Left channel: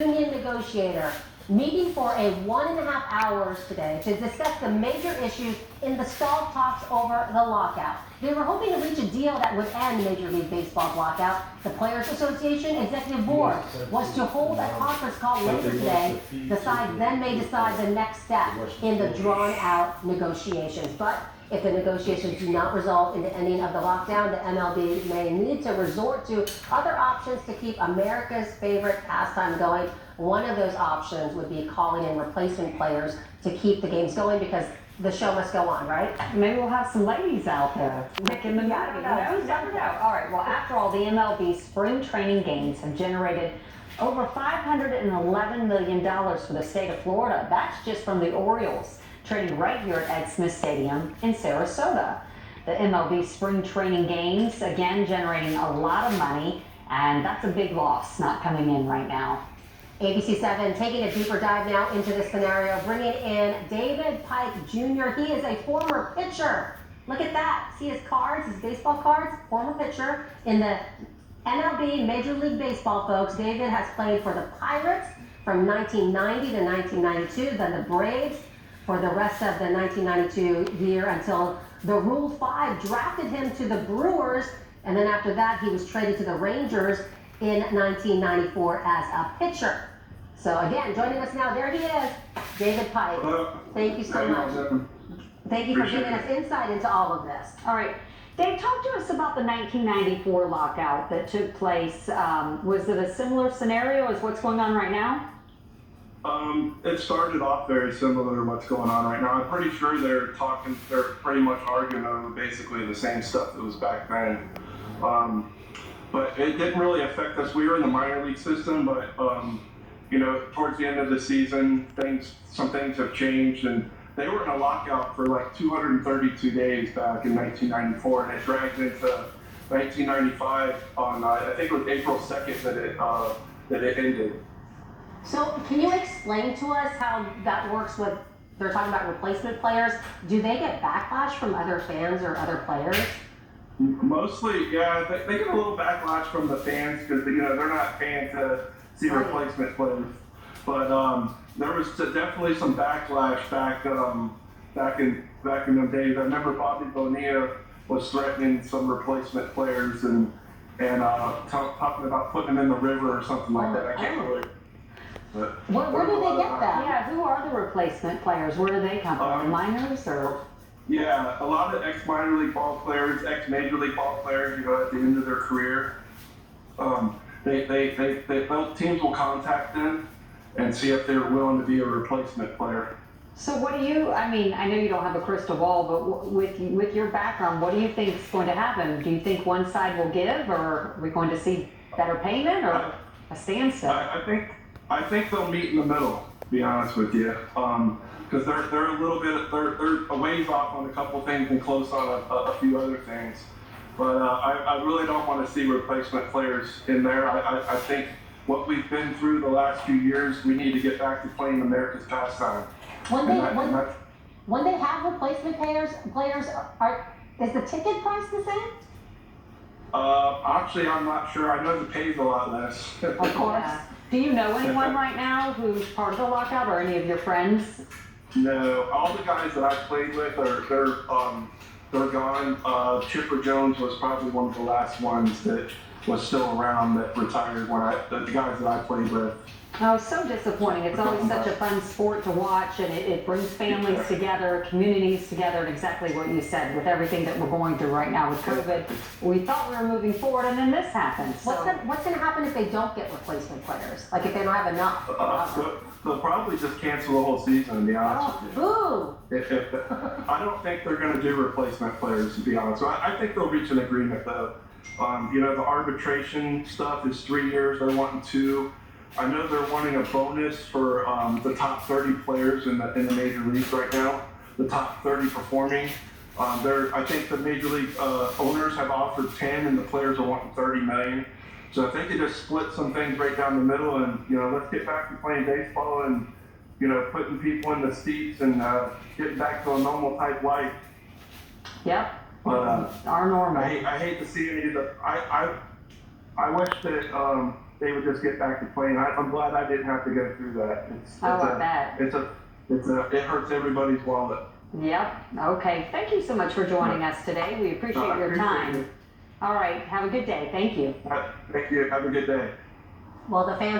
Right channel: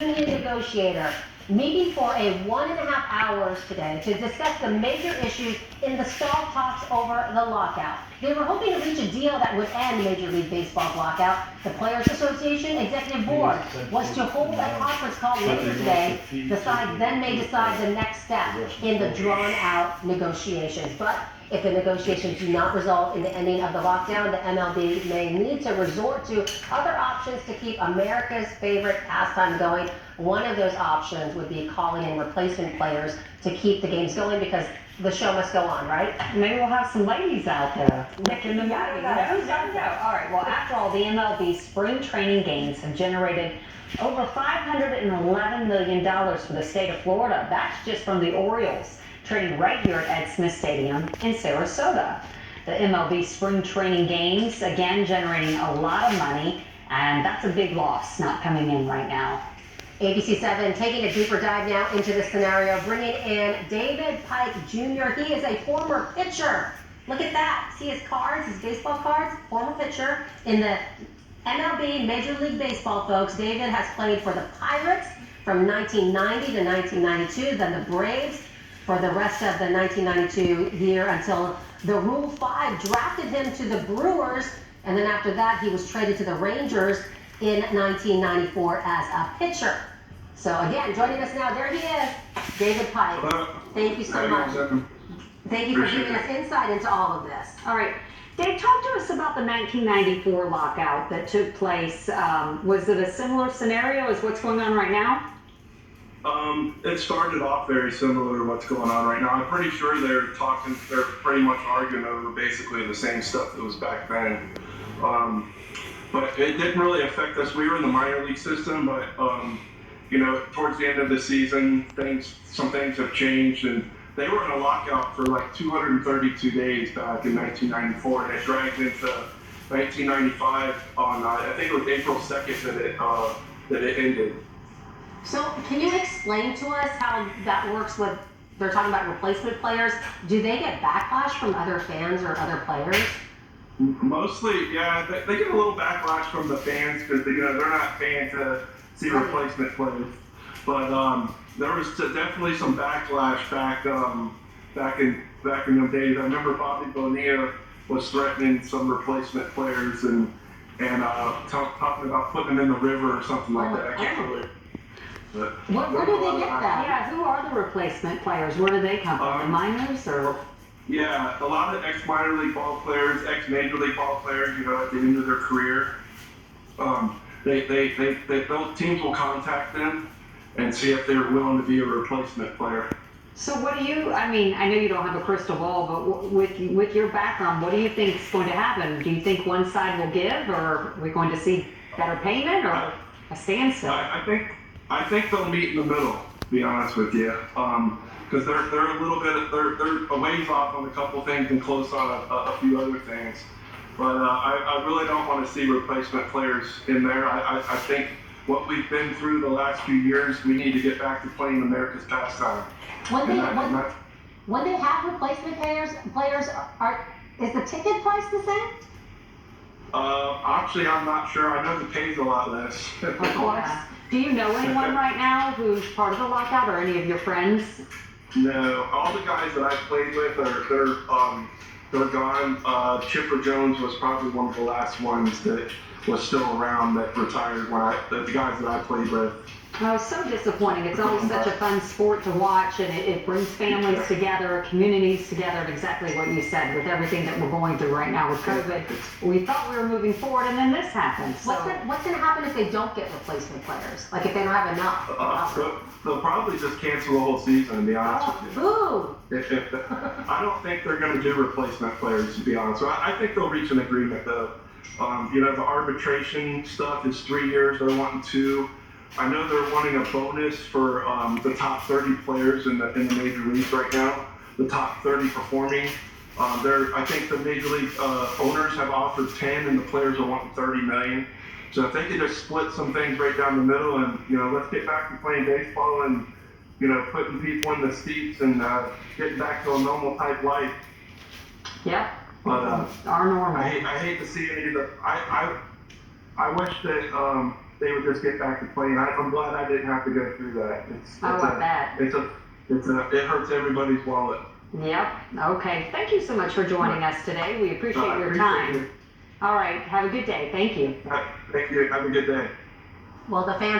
union negotiator meeting for a 1.5 hours today to discuss the major issues in the stalled talks over the lockout. They were hoping to reach a deal that would end Major League Baseball's lockout. The Players Association Executive Board was to hold a conference call later today. The sides then may decide the next step in the drawn-out negotiations. But if the negotiations do not result in the ending of the lockdown, the MLB may need to resort to other options to keep America's favorite pastime going. One of those options would be calling in replacement players to keep the games going, because the show must go on, right? Maybe we'll have some ladies out there nicking the movie. Never know. All right, well, after all, the MLB spring training games have generated over $511 million for the state of Florida. That's just from the Orioles training right here at Ed Smith Stadium in Sarasota. The MLB spring training games, again, generating a lot of money, and that's a big loss not coming in right now. ABC 7 taking a deeper dive now into this scenario, bringing in David Pike Jr. He is a former pitcher. Look at that. See his cards, his baseball cards? Former pitcher in the MLB Major League Baseball, folks. David has played for the Pirates from 1990 to 1992, then the Braves for the rest of the 1992 year until the Rule 5 drafted him to the Brewers, and then after that he was traded to the Rangers in 1994 as a pitcher. So again, joining us now, there he is, David Pike. Thank you so much. Thank you for giving us insight into all of this. All right, Dave, talk to us about the 1994 lockout that took place. Was it a similar scenario as what's going on right now? It started off very similar to what's going on right now. I'm pretty sure they're pretty much arguing over basically the same stuff that was back then. But it didn't really affect us. We were in the minor league system, but towards the end of the season, some things have changed, and they were in a lockout for like 232 days back in 1994, and it dragged into 1995 on I think it was April 2nd that it ended. So can you explain to us how that works with, they're talking about replacement players. Do they get backlash from other fans or other players? Mostly, yeah. They get a little backlash from the fans because they're not paying to see replacement players. But there was definitely some backlash back in them days. I remember Bobby Bonilla was threatening some replacement players and talking about putting them in the river or something like that. I can't really. Where did they get that? Yeah, who are the replacement players? Where do they come from? The minors or? Yeah, a lot of ex-minor league ball players, ex-major league ball players, at the end of their career, teams will contact them and see if they're willing to be a replacement player. So what do you, I know you don't have a crystal ball, but with your background, what do you think is going to happen? Do you think one side will give, or are we going to see better payment or a standstill? I think they'll meet in the middle, to be honest with you. Because they're a little bit, they're a ways off on a couple things and close on a few other things. But I really don't want to see replacement players in there. I think what we've been through the last few years, we need to get back to playing America's pastime. When they have replacement players, is the ticket price the same? Actually, I'm not sure. I know the pay's a lot less. Of course. Do you know anyone right now who's part of the lockout, or any of your friends? No, all the guys that I played with they're gone. Chipper Jones was probably one of the last ones that was still around that retired. The guys that I played with. Oh, it's so disappointing. It's always such a fun sport to watch, and it brings families together, communities together, and exactly what you said with everything that we're going through right now with COVID. We thought we were moving forward, and then this happened. So. What's going to happen if they don't get replacement players? Like if they don't have enough? They'll probably just cancel the whole season, to be honest with you. Boo! I don't think they're going to do replacement players, to be honest. So I think they'll reach an agreement, though. The arbitration stuff is 3 years. They're wanting 2. I know they're wanting a bonus for the top 30 players in the major leagues right now, the top 30 performing. I think the major league owners have offered 10, and the players are wanting 30 million. So if they could just split some things right down the middle, and let's get back to playing baseball and putting people in the seats and getting back to a normal type life. Yep. But our normal. I hate to see any of the. I wish that they would just get back to playing. I'm glad I didn't have to go through that. I bet. It hurts everybody's wallet. Yep. Okay. Thank you so much for joining us today. We appreciate your time. You. All right. Have a good day. Thank you. Thank you. Have a good day. Well, the fans